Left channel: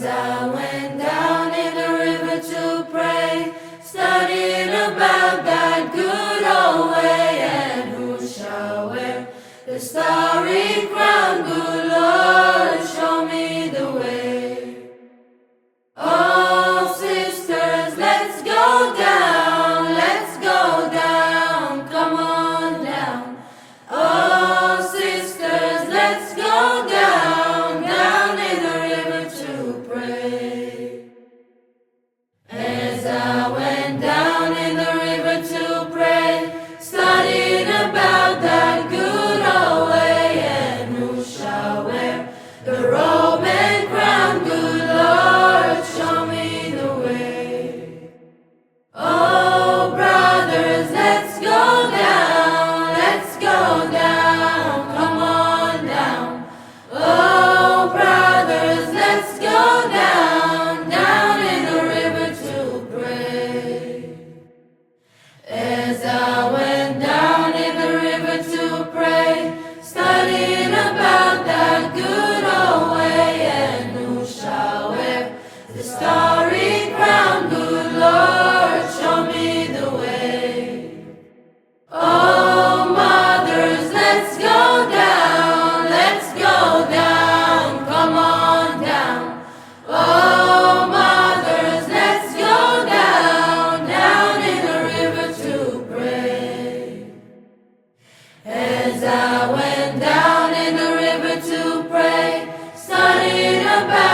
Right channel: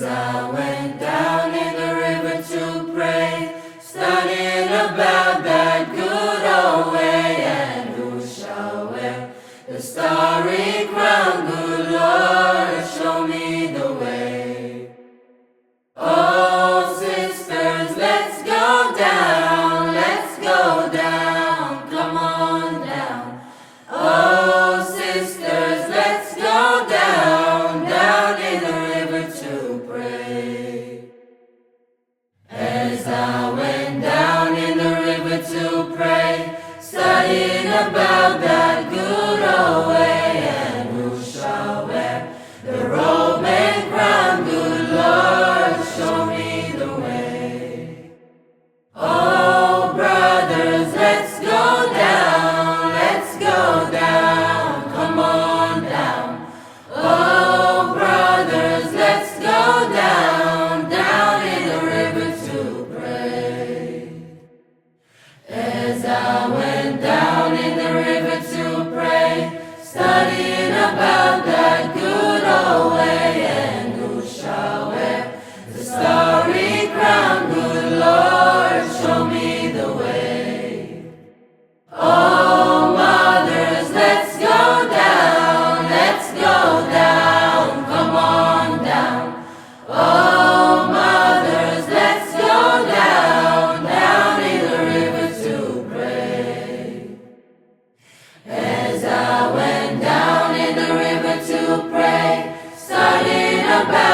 As I went down in the river to pray, studying about that good old way, and who shall wear the starry crown? Good Lord, show me the way. Oh, sisters, let's go down, come on down. Oh, sisters, let's go down in the river to pray. As I went down in the river to pray, studying about that good old way, and who shall wear the robe and crown? Good Lord, show me the way. Oh, brothers, let's go down, come on down. Oh, brothers, let's go down in the river to pray. As I went down in the river to pray, studying about that good old way, and who shall wear the starry crown? Good Lord, show me the way. Oh, mothers, let's go down, come on down. Oh, mothers, let's go down in the river to pray. As I went down in the river to pray, studying about